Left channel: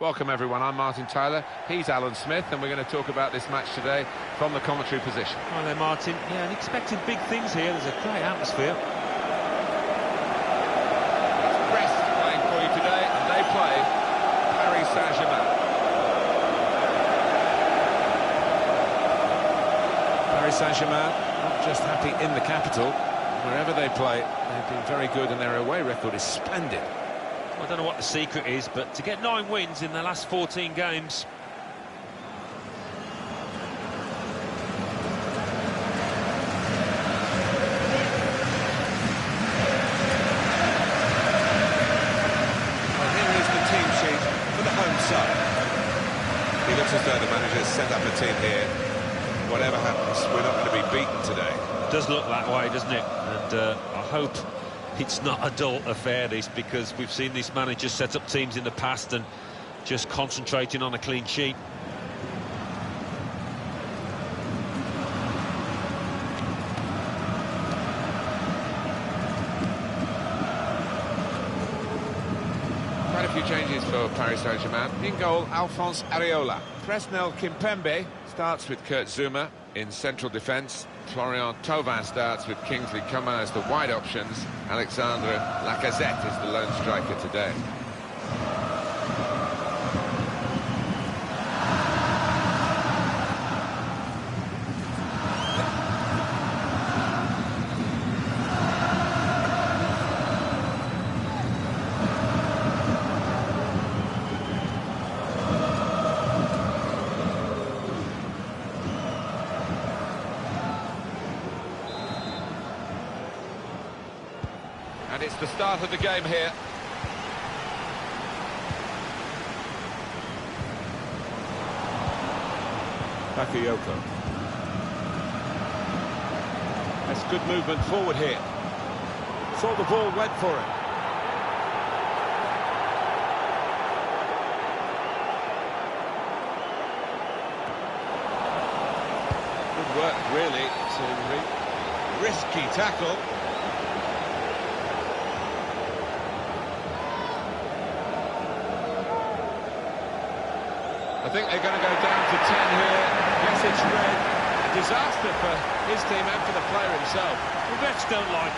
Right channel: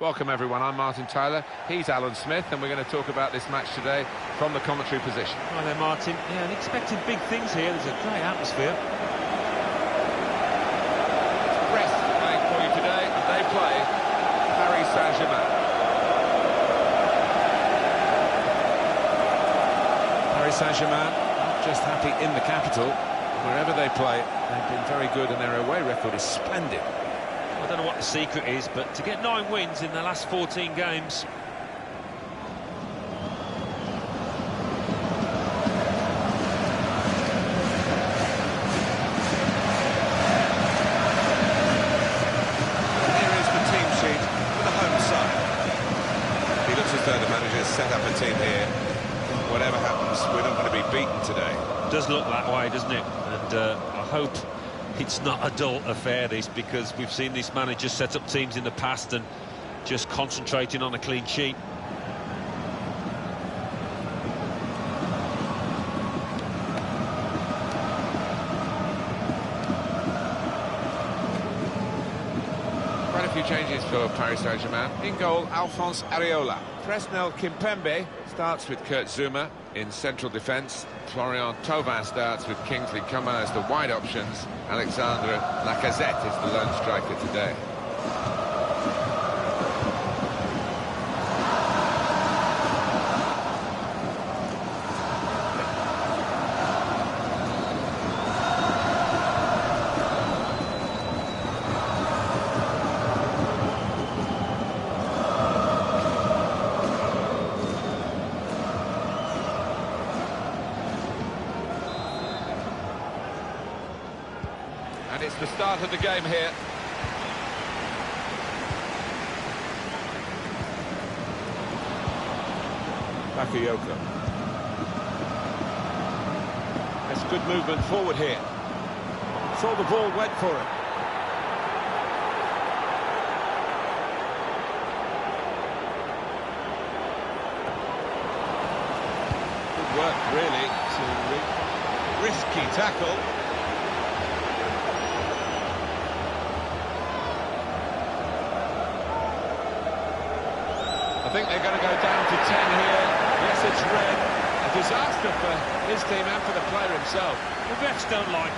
Welcome everyone, I'm Martin Tyler, he's Alan Smith, and we're going to talk about this match today from the commentary position. Hi there Martin, yeah, and expecting big things here, there's a great atmosphere. It's Brest playing for you today, and they play Paris Saint-Germain. Paris Saint-Germain not just happy in the capital, wherever they play, they've been very good and their away record is splendid. I don't know what the secret is, but to get 9 wins in the last 14 games... Well, here is the team sheet for the home side. He looks as though the manager's set up a team here. Whatever happens, we're not going to be beaten today. Does look that way, doesn't it? And I hope it's not a dull affair, this, because we've seen this manager set up teams in the past and just concentrating on a clean sheet. Quite a few changes for Paris Saint-Germain. In goal, Alphonse Areola. Presnel Kimpembe starts with Kurt Zouma in central defence. Florian Thauvin starts with Kingsley Coman as the wide options. Alexandre Lacazette is the lone striker today. And it's the start of the game here. Bakayoko. That's good movement forward here. Saw the ball, went for it. Good work, really, to risky tackle. I think they're going to go down to 10 here. Yes, it's red. A disaster for his team and for the player himself. Well, refs don't like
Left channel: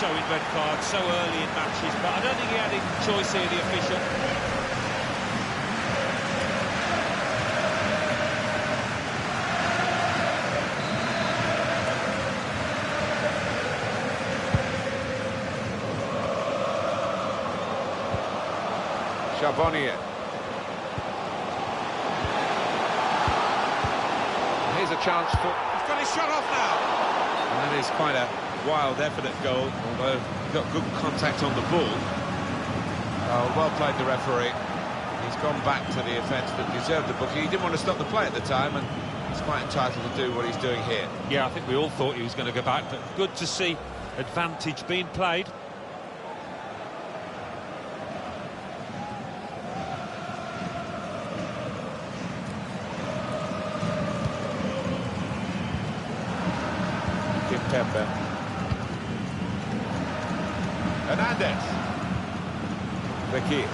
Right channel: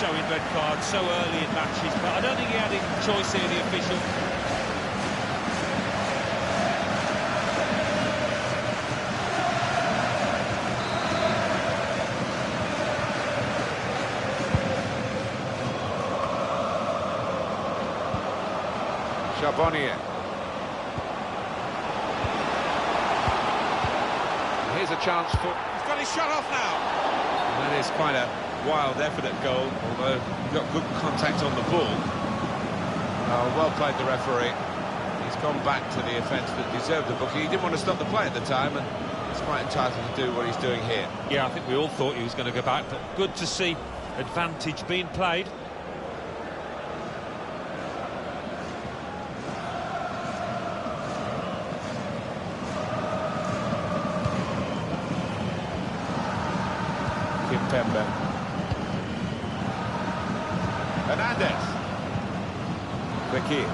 showing red cards so early in matches, but I don't think he had any choice here, the official. Charbonnier. Here's a chance for... He's got his shot off now. And that is quite a wild effort at goal, although he got good contact on the ball. Oh, well played the referee. He's gone back to the offence that deserved the booking. He didn't want to stop the play at the time, and he's quite entitled to do what he's doing here. Yeah, I think we all thought he was going to go back, but good to see advantage being played. Kimpembe. Hernandez. Fekir.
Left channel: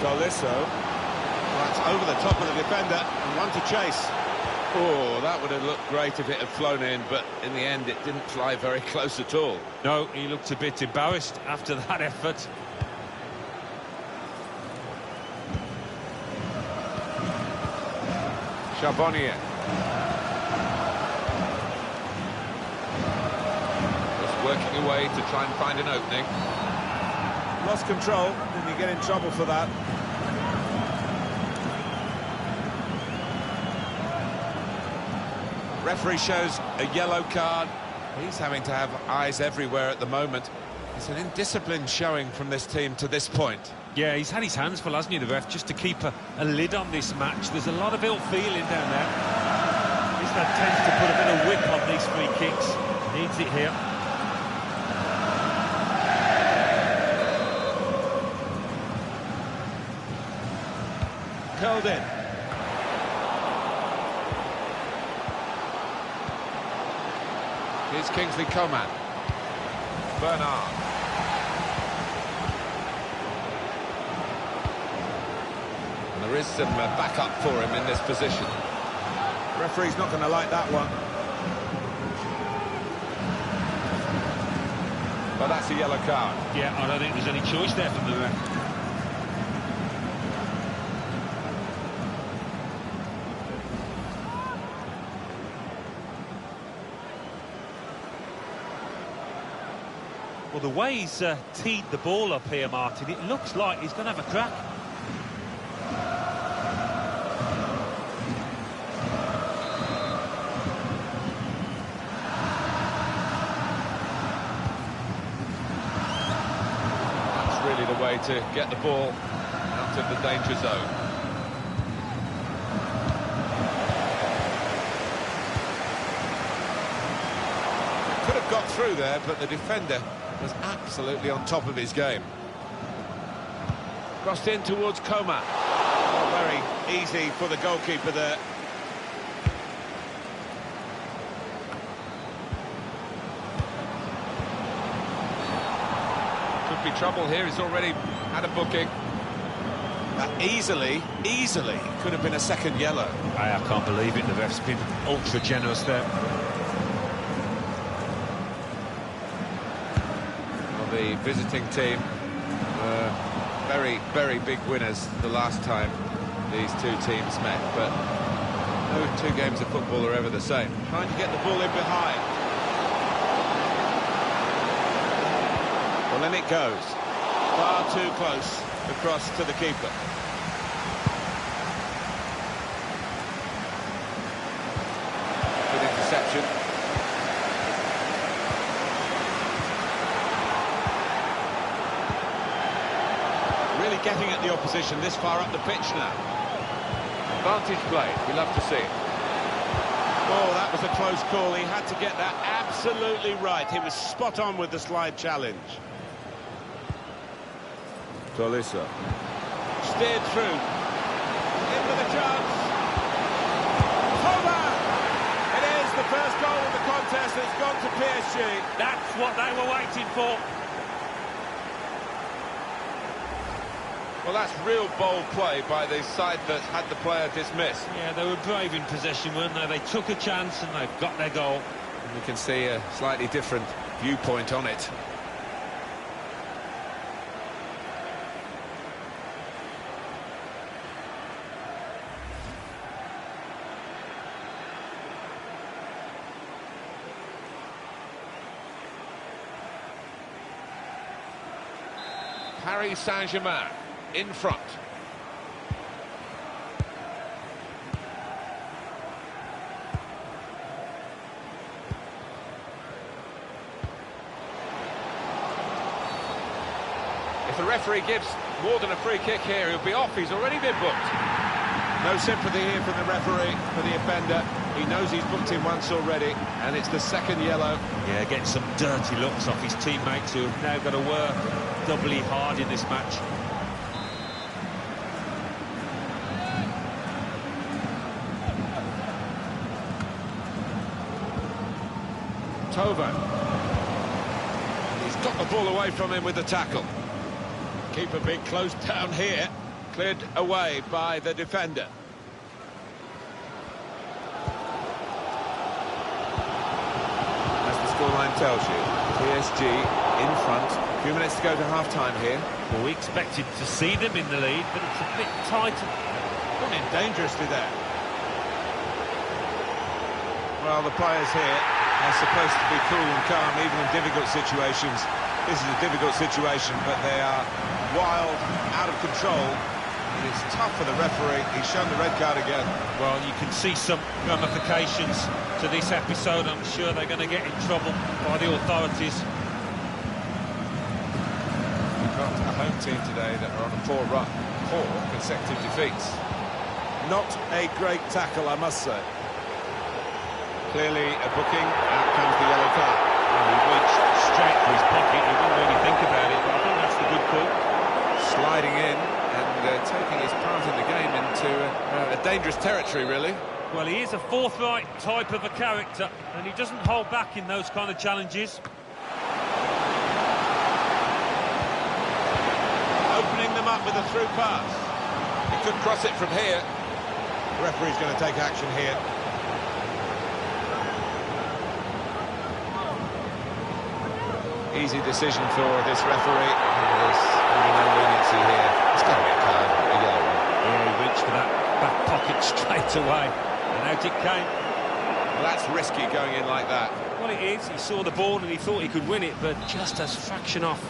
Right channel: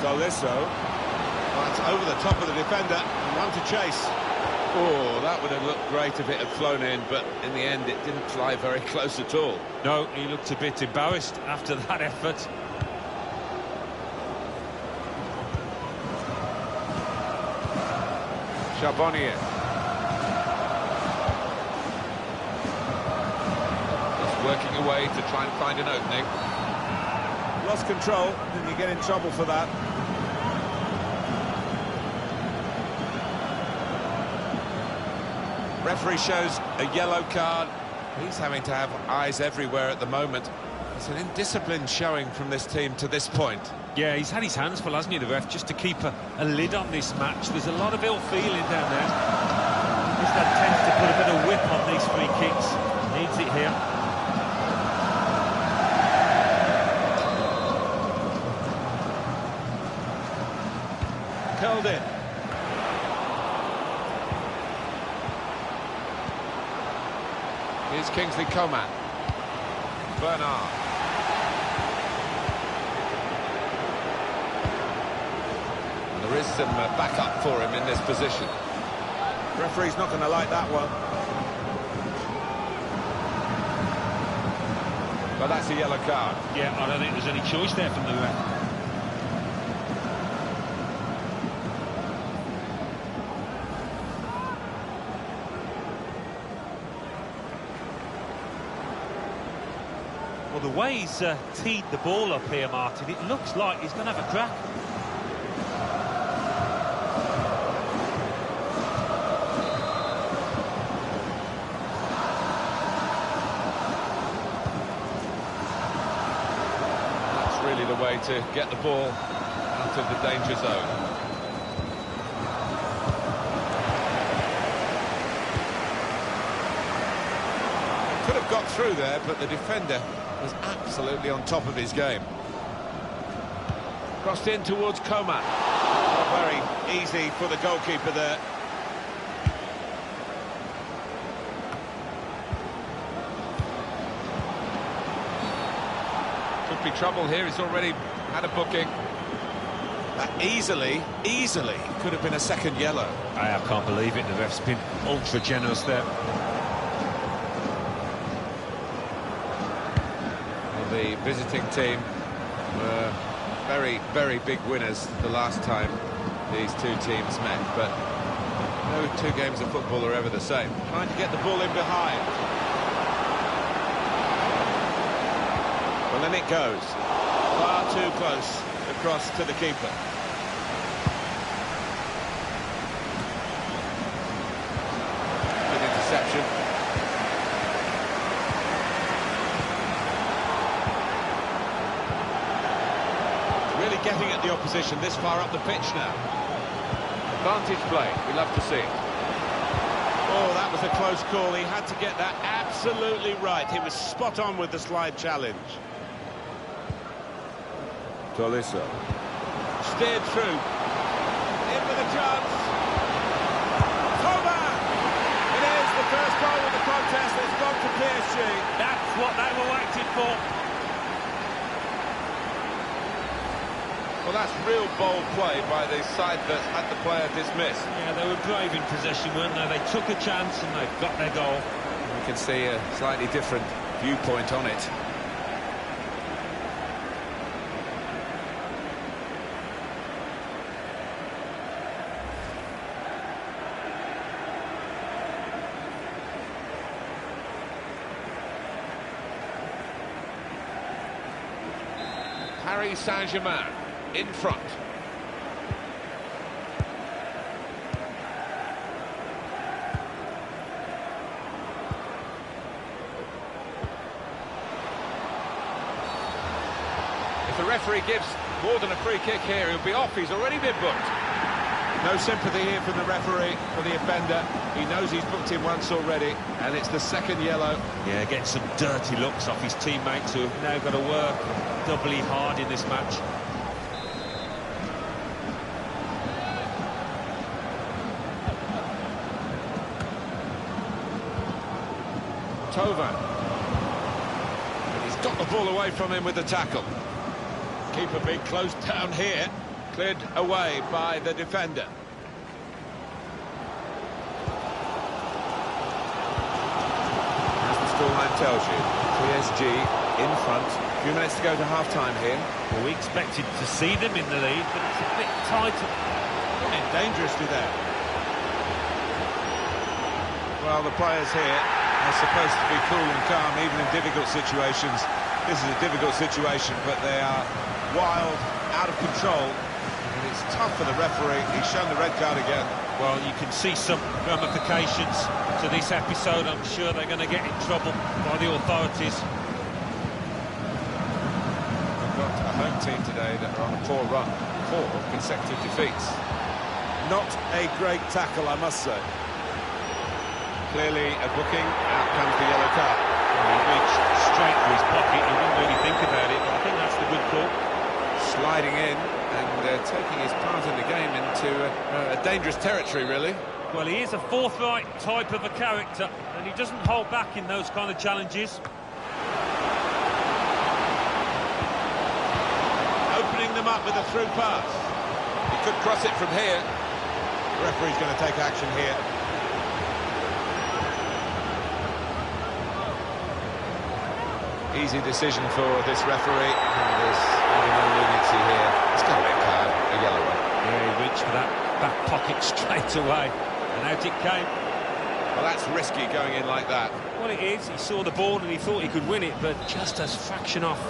Tolisso. Well, that's over the top of the defender and one to chase. Oh, that would have looked great if it had flown in, but in the end it didn't fly very close at all. No, he looked a bit embarrassed after that effort. Charbonnier. Working away to try and find an opening. Lost control, then you get in trouble for that. Referee shows a yellow card. He's having to have eyes everywhere at the moment. It's an indisciplined showing from this team to this point. Yeah, he's had his hands full, hasn't he, the ref, just to keep a lid on this match. There's a lot of ill feeling down there. This lad tends to put a bit of whip on these free kicks. Needs it here. Curled in. Here's Kingsley Coman. Bernard. And there is some backup for him in this position. Referee's not going to like that one. But that's a yellow card. Yeah, I don't think there's any choice there from the ref. Well, the way he's teed the ball up here, Martin, it looks like he's going to have a crack. That's really the way to get the ball out of the danger zone. They could have got through there, but the defender was absolutely on top of his game. Crossed in towards Coman. Oh, very easy for the goalkeeper there. Could be trouble here, he's already had a booking. That easily could have been a second yellow. I can't believe it, the ref's been ultra generous there. The visiting team were very, very big winners the last time these two teams met, but no two games of football are ever the same. Trying to get the ball in behind. Well, in it goes. Far too close across to the keeper. Good interception. Really getting at the opposition this far up the pitch now. Advantage play, we love to see it. Oh, that was a close call. He had to get that absolutely right. He was spot on with the slide challenge. Tolisso. Steered through. In with a chance. Over! It is the first goal of the contest. It's gone to PSG. That's what they were waiting for. Well, that's real bold play by the side that had the player dismissed. Yeah, they were brave in possession, weren't they? They took a chance and they've got their goal. We can see a slightly different viewpoint on it. Paris Saint-Germain in front. If the referee gives more than a free kick here, he'll be off. He's already been booked. No sympathy here from the referee for the offender. He knows he's booked him once already, and it's the second yellow. Yeah, getting some dirty looks off his teammates who have now got to work doubly hard in this match. Tovan. And he's got the ball away from him with the tackle. Keeper being closed down here. Cleared away by the defender. As the scoreline tells you, PSG in front. A few minutes to go to half-time here. Well, we expected to see them in the lead, but it's a bit tight. Gone in dangerously there. Well, the players here are supposed to be cool and calm, even in difficult situations. This is a difficult situation, but they are wild, out of control. And it's tough for the referee. He's shown the red card again. Well, you can see some ramifications to this episode. I'm sure they're going to get in trouble by the authorities. We've got a home team today that are on a poor run. 4 consecutive defeats. Not a great tackle, I must say. Clearly a booking. Out comes the yellow card. Well, he reached straight for his pocket. He didn't really think about it, but I think that's the good call. Sliding in and taking his part in the game into a dangerous territory, really. Well, he is a forthright type of a character, and he doesn't hold back in those kind of challenges. Opening them up with a through pass. He could cross it from here. The referee's going to take action here. Easy decision for this referee. And there's maybe no leniency here. It's got to be a card, a yellow one. Yeah, he reached for that back pocket straight away, and out it came. Well, that's risky going in like that. Well, it is. He saw the ball and he thought he could win it, but just as fraction off.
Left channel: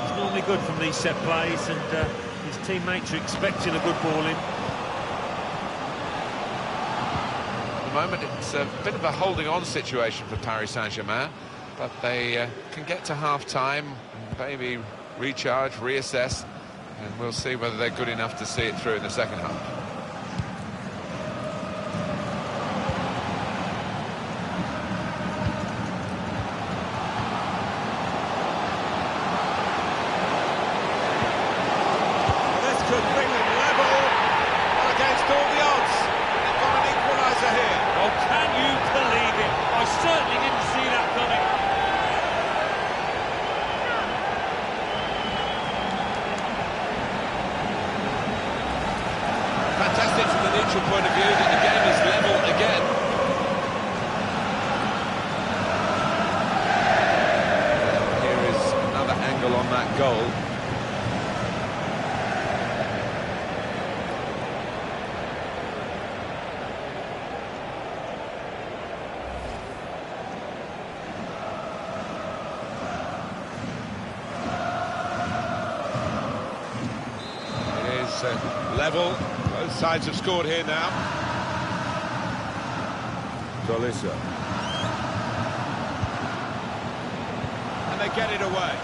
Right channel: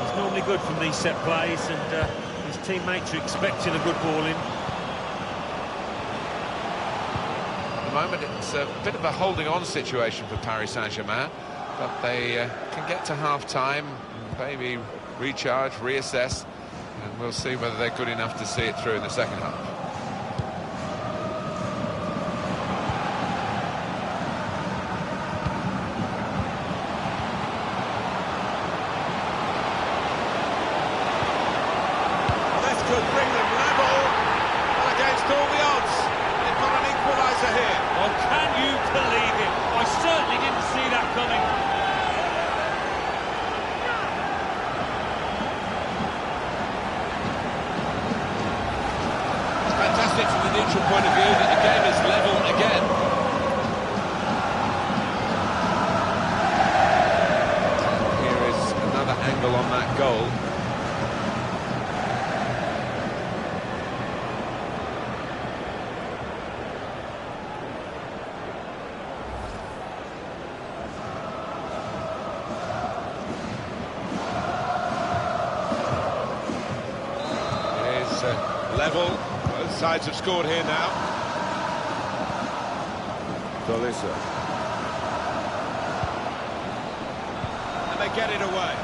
He's normally good from these set plays, and his teammates are expecting a good ball in. At the moment, it's a bit of a holding-on situation for Paris Saint-Germain, but they can get to half-time, maybe recharge, reassess, and we'll see whether they're good enough to see it through in the second half. Could bring them level. Well, against all the odds, they've got an equaliser here. Well, can you believe it? I certainly didn't see that coming. It's fantastic from the neutral point of view that the game is level again. And here is another angle on that goal. Level. Both sides have scored here now. Tolisso. And they get it away.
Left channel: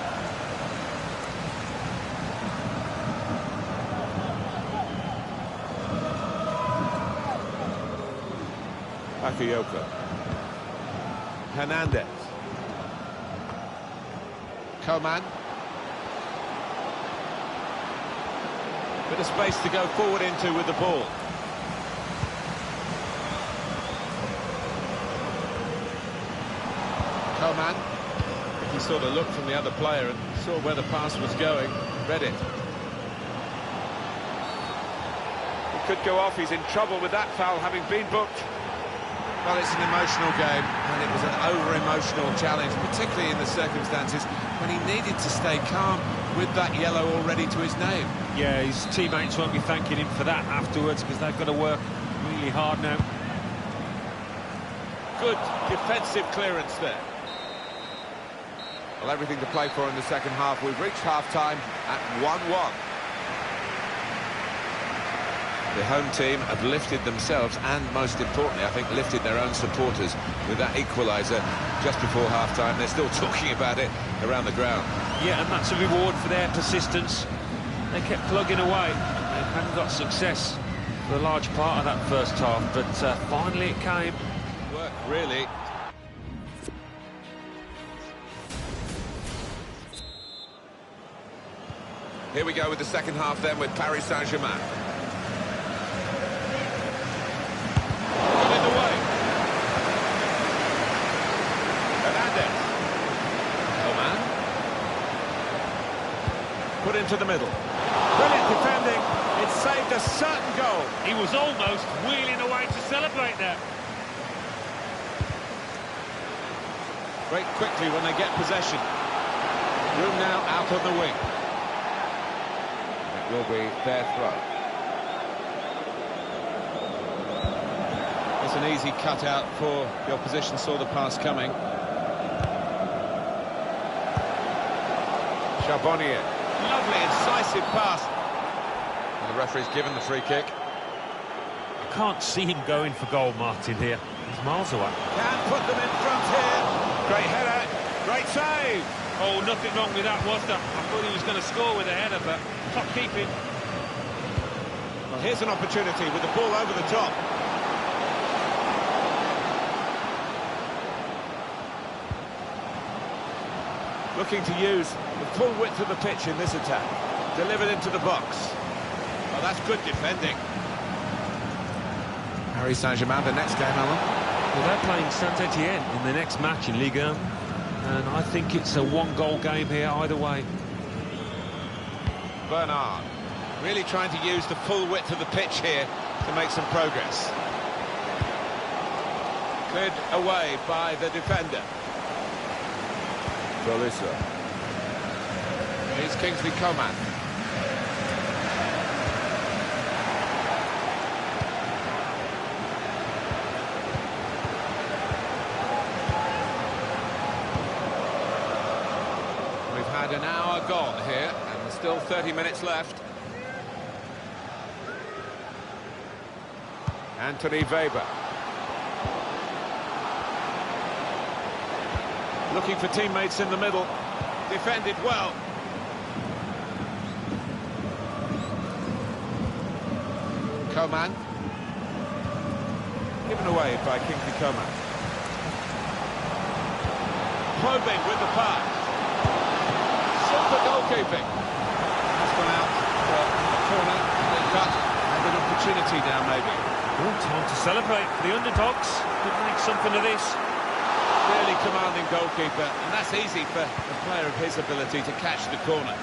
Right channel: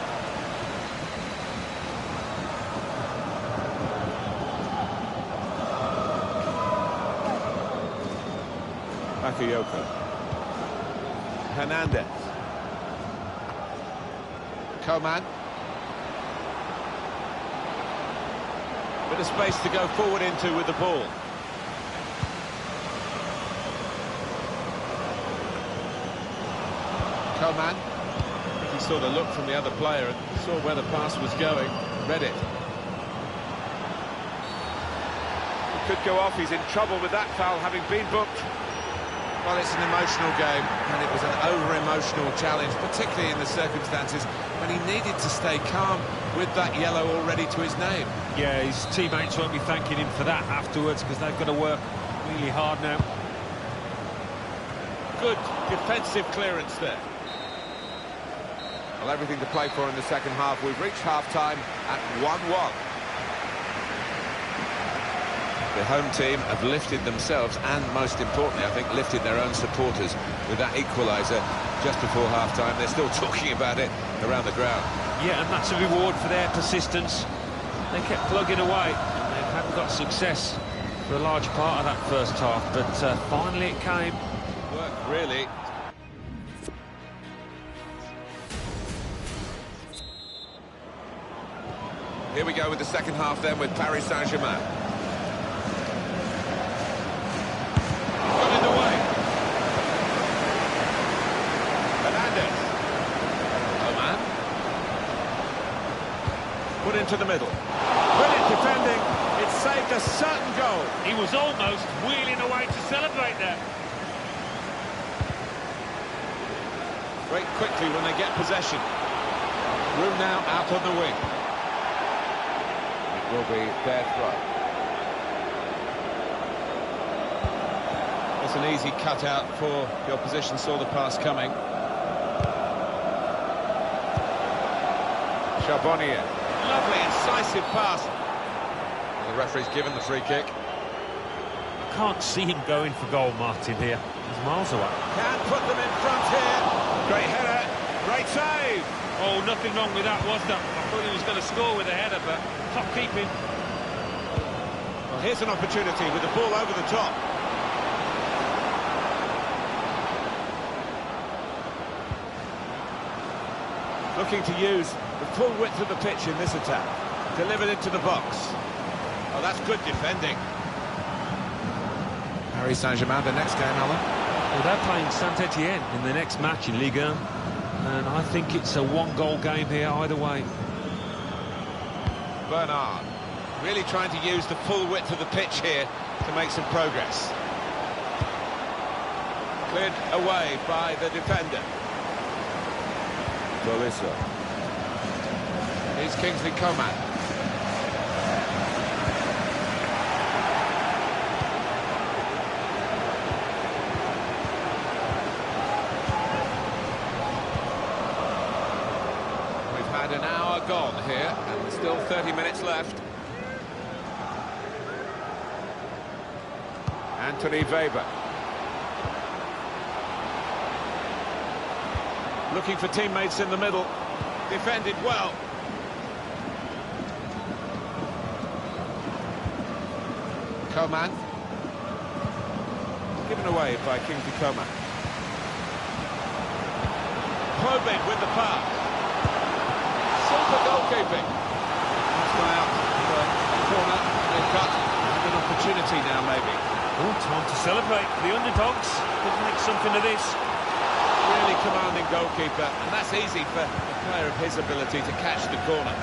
Bakayoko. Hernandez. Coman. Bit of space to go forward into with the ball. Coman. I think he saw the look from the other player and saw where the pass was going, read it. He could go off, he's in trouble with that foul having been booked. Well, it's an emotional game, and it was an over-emotional challenge, particularly in the circumstances when he needed to stay calm with that yellow already to his name. Yeah, his teammates won't be thanking him for that afterwards, because they've got to work really hard now. Good defensive clearance there. Well, everything to play for in the second half. We've reached half-time at 1-1. The home team have lifted themselves and, most importantly, I think, lifted their own supporters with that equaliser just before half-time. They're still talking about it around the ground. Yeah, and that's a reward for their persistence. They kept plugging away. They hadn't got success for a large part of that first half, but finally it came. Work, really. Here we go with the second half then with Paris Saint-Germain. Got in the way. Hernandez. Coman. Put into the middle. Brilliant defending. It saved a certain goal. He was almost wheeling away to celebrate there. Break quickly when they get possession. Room now out on the wing. It will be their throw. It's an easy cutout for the opposition, saw the pass coming. Charbonnier. Lovely, incisive pass. And the referee's given the free kick. I can't see him going for goal, Martin, here. He's miles away. Can put them in front here. Great header, great save. Oh, nothing wrong with that, was there? I thought he was going to score with a header, but top keeping. Well, here's an opportunity with the ball over the top. Looking to use the full width of the pitch in this attack. Delivered into the box. Oh, that's good defending. Paris Saint-Germain, the next game, Alan. Well, they're playing Saint-Etienne in the next match in Ligue 1. And I think it's a one-goal game here either way. Bernard. Really trying to use the full width of the pitch here to make some progress. Cleared away by the defender. Tolisso. Here's Kingsley Coman. We've had an hour gone here, and still 30 minutes left. Anthony Weber. Looking for teammates in the middle. Defended well. Coman. Given away by Kingsley Coman. Probing with the pass. Super goalkeeping. That's gone out for a corner, clear cut, and an opportunity now maybe. Oh, time to celebrate for the underdogs. Could make something of this. Really commanding goalkeeper, and that's easy for a player of his ability to catch the corner.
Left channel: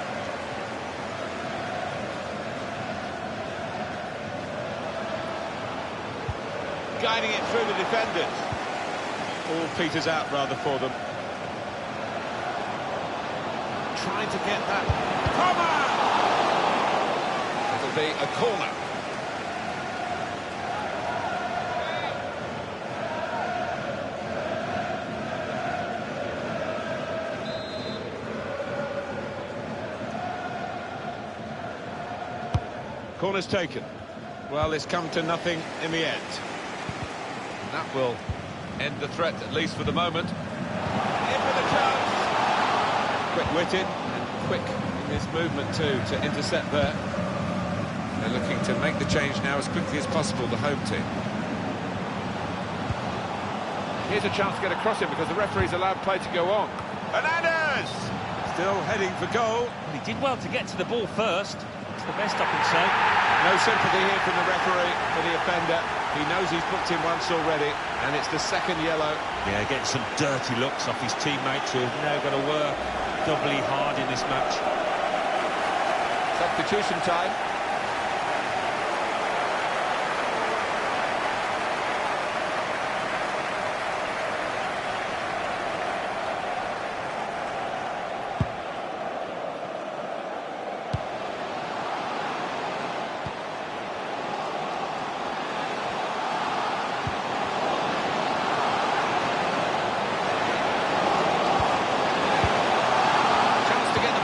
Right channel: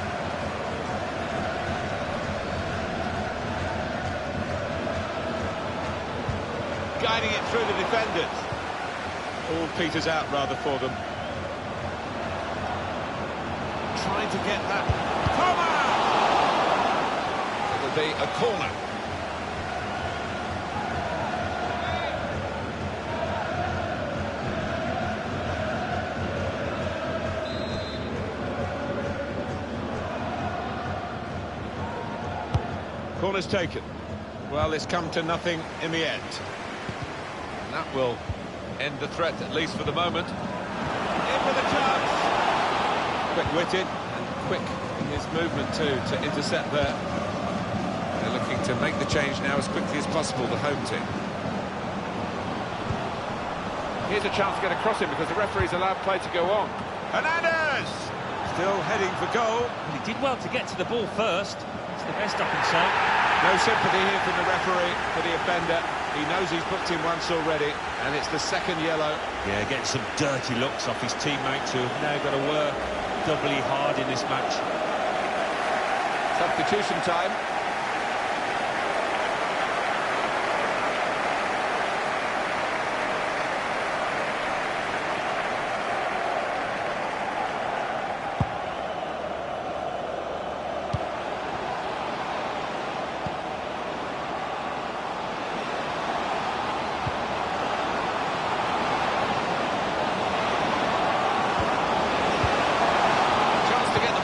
Guiding it through the defenders. All peters out rather for them. Trying to get that. Come on! It'll be a corner. Corner's taken. Well, it's come to nothing in the end. And that will end the threat, at least for the moment. In with a chance. Quick-witted and quick in his movement too to intercept there. They're looking to make the change now as quickly as possible, the home team. Here's a chance to get across him because the referee's allowed play to go on. Hernandez! Still heading for goal. Well, he did well to get to the ball first. That's the best I can say. No sympathy here from the referee for the offender. He knows he's booked him once already, and it's the second yellow. Yeah, getting some dirty looks off his teammates who have now got to work doubly hard in this match. Substitution time.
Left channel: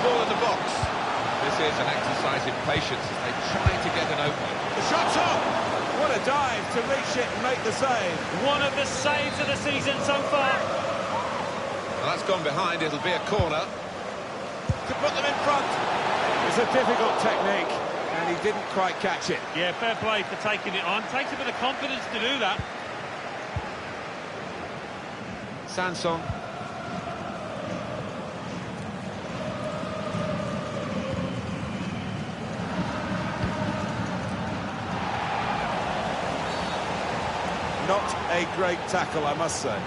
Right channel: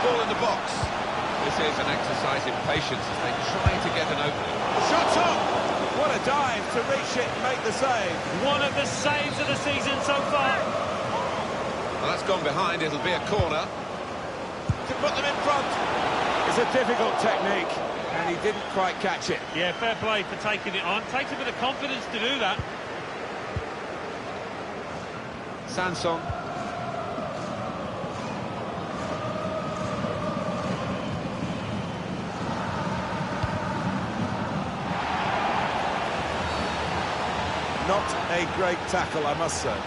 Ball in the box. This is an exercise in patience as they try to get an opening. The shot's on! What a dive to reach it and make the save. One of the saves of the season so far. Well, that's gone behind. It'll be a corner. To put them in front. It's a difficult technique, and he didn't quite catch it. Yeah, fair play for taking it on. Takes a bit of confidence to do that. Sanson. Not a great tackle, I must say.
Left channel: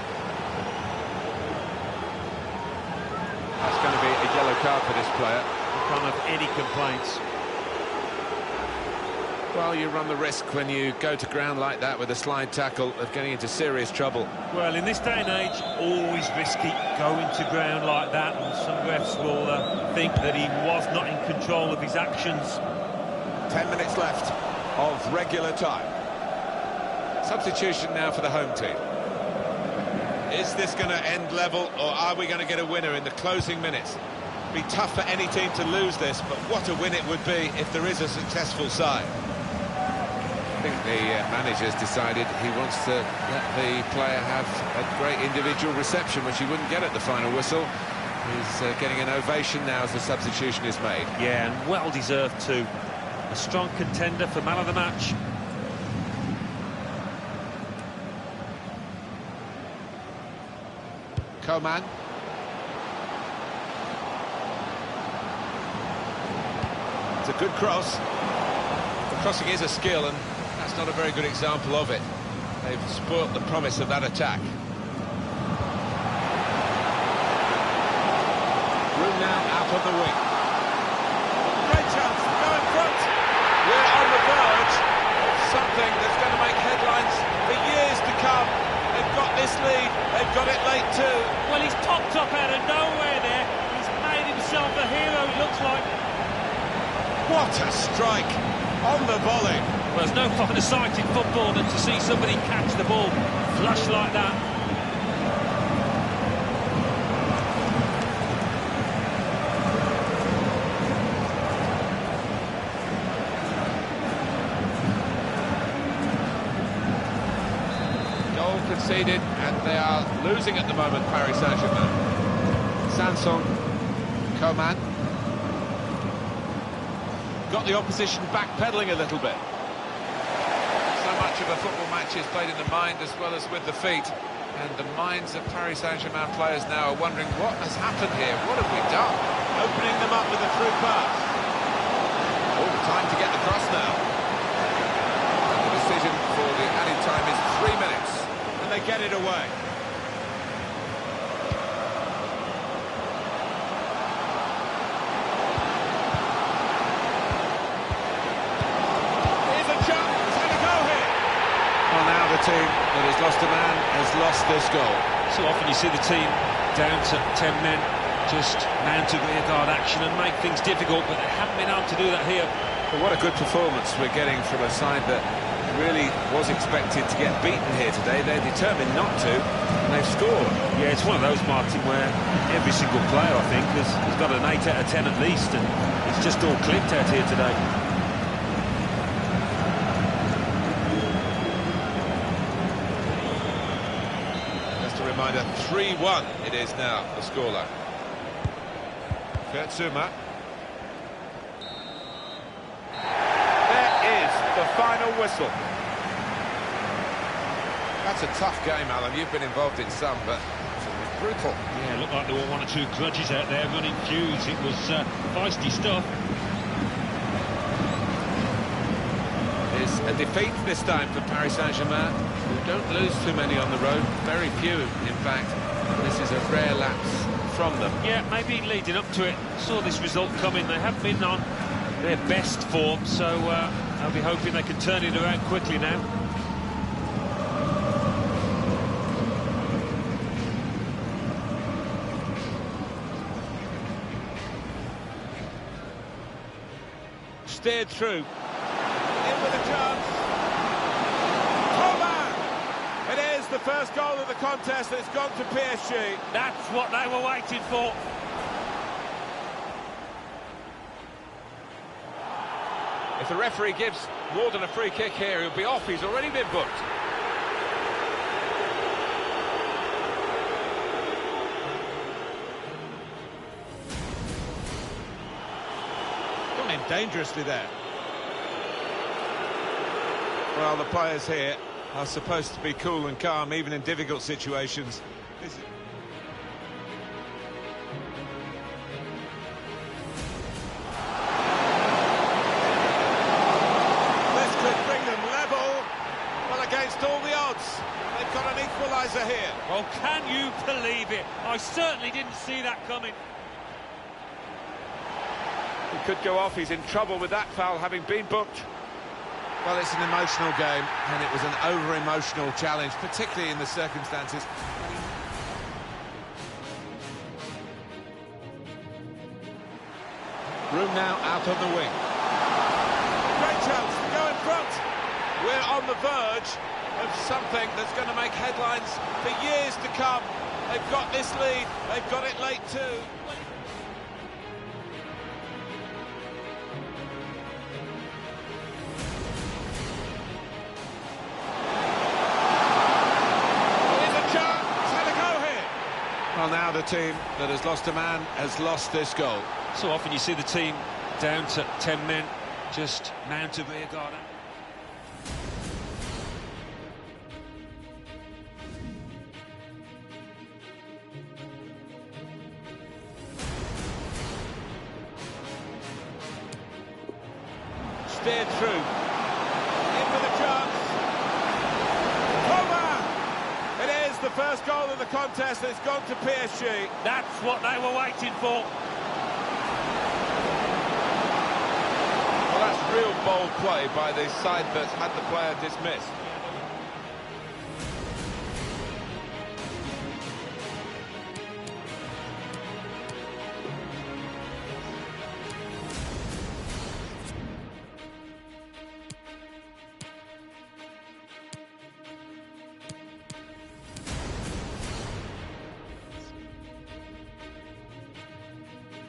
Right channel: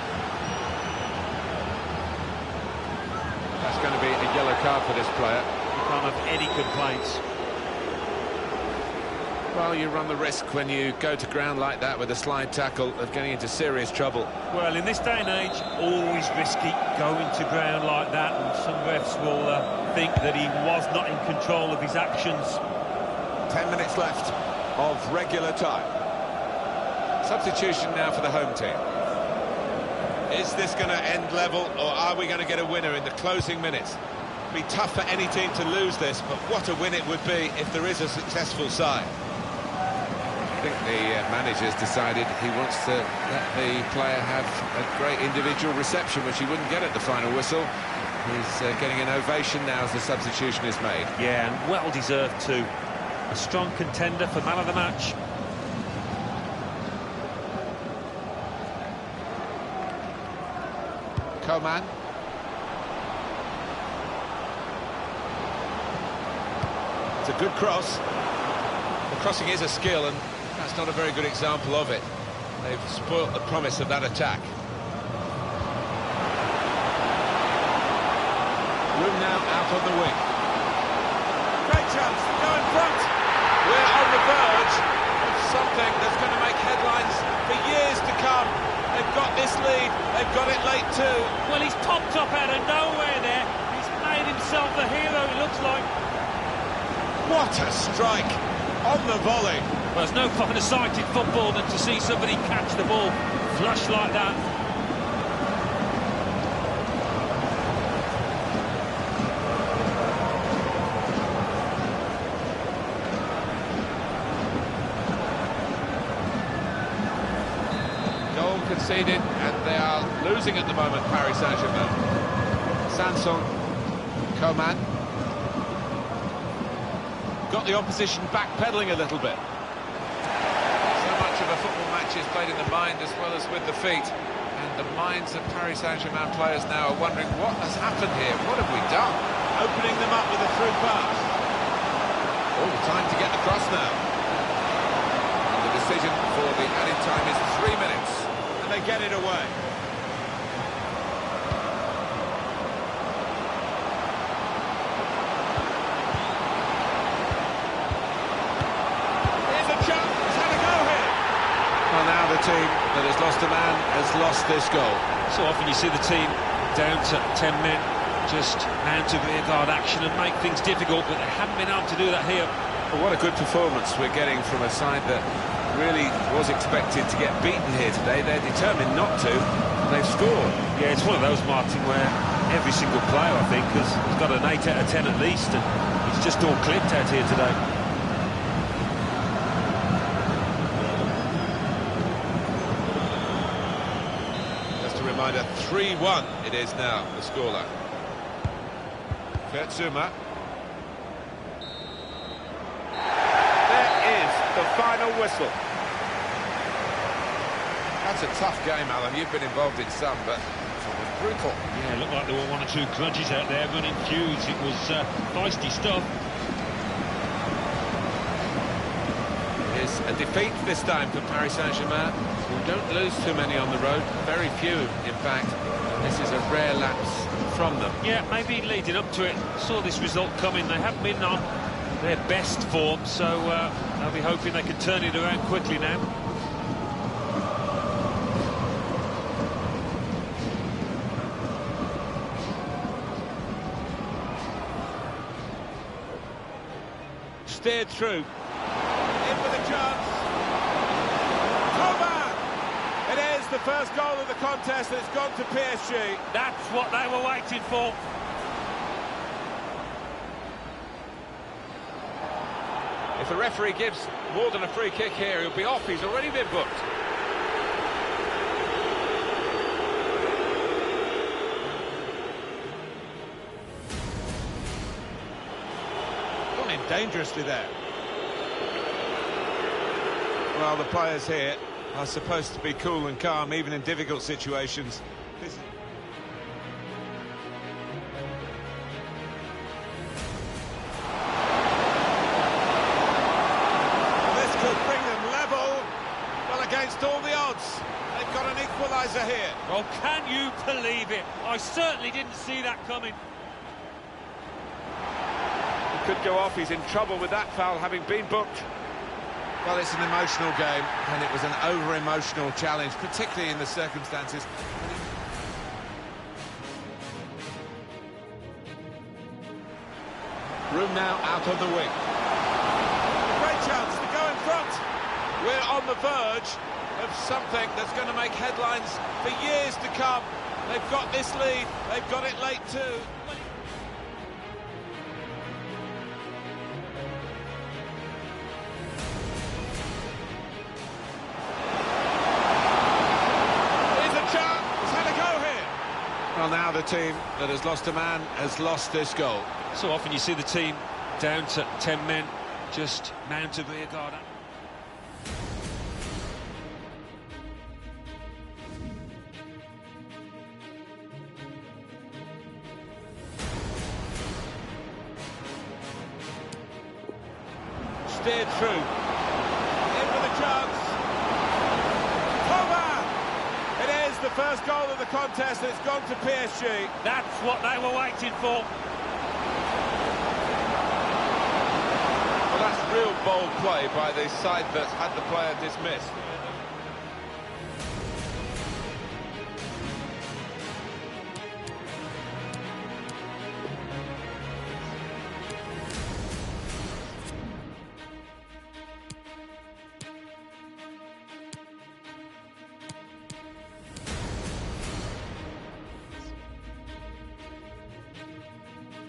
That's going to be a yellow card for this player. You can't have any complaints. Well, you run the risk when you go to ground like that with a slide tackle of getting into serious trouble. Well, in this day and age, always risky going to ground like that, and some refs will think that he was not in control of his actions. 10 minutes left of regular time. Substitution now for the home team. Is this going to end level, or are we going to get a winner in the closing minutes? Be tough for any team to lose this, but what a win it would be if there is a successful side. I think the manager's decided he wants to let the player have a great individual reception, which he wouldn't get at the final whistle. He's getting an ovation now as the substitution is made. Yeah, and well deserved too. A strong contender for man of the match. Coman. It's a good cross. The crossing is a skill, and that's not a very good example of it. They've spoilt the promise of that attack. Room now out on the wing. Great chance to go in front. We're on the verge of something that's going to make headlines for years to come. They've got this lead, they've got it late too. Well, he's popped up out of nowhere there. He's made himself a hero, it looks like. What a strike on the volley. Well, there's no finer sight in football than to see somebody catch the ball flush like that. Goal conceded, and they are losing at the moment, Paris Saint-Germain. Sanson, Coman. Got the opposition backpedaling a little bit. So much of a football match is played in the mind as well as with the feet. And the minds of Paris Saint-Germain players now are wondering what has happened here. What have we done? Opening them up with a through pass. Oh, time to get the cross now. And the decision for the added time is 3 minutes. And they get it away. Here's a chance. He's had a go here. Well, now the team that has lost a man has lost this goal. So often you see the team down to 10 men, just mount a rearguard action and make things difficult, but they haven't been able to do that here. Well, what a good performance we're getting from a side that really was expected to get beaten here today. They're determined not to, and they've scored. Yeah, it's one of those, Martin, where every single player, I think, has got an 8 out of 10 at least, and it's just all clipped out here today. Just a reminder, 3-1 it is now, the scoreline. Kurt Zouma. There is the final whistle. That's a tough game, Alan. You've been involved in some, but it was brutal. Yeah, it looked like there were one or two grudges out there running feuds. It was feisty stuff. It is a defeat this time for Paris Saint-Germain, who don't lose too many on the road. Very few, in fact. And this is a rare lapse from them. Yeah, maybe leading up to it, saw this result coming. They haven't been on their best form, so I'll be hoping they can turn it around quickly now. Steered through. In with a chance. Coman! It is the first goal of the contest, and it's gone to PSG. That's what they were waiting for. If the referee gives more than a free kick here, he'll be off. He's already been booked. Gone in dangerously there. Well, the players here are supposed to be cool and calm, even in difficult situations. This could bring them level. Well, against all the odds, they've got an equaliser here. Well, can you believe it? I certainly didn't see that coming. He could go off. He's in trouble with that foul, having been booked. Well, it's an emotional game, and it was an over-emotional challenge, particularly in the circumstances. Room now out on the wing. Great chance to go in front. We're on the verge of something that's going to make headlines for years to come. They've got this lead, they've got it late too. Here's a chance, he's had a go here. Well, now the team that has lost a man has lost this goal. So often you see the team down to 10 men, just mount a rearguard. Steered through. In with a chance. Coman! It is the first goal of the contest, and it's gone to PSG. That's what they were waiting for. Well, that's real bold play by the side that's had the player dismissed. Yeah,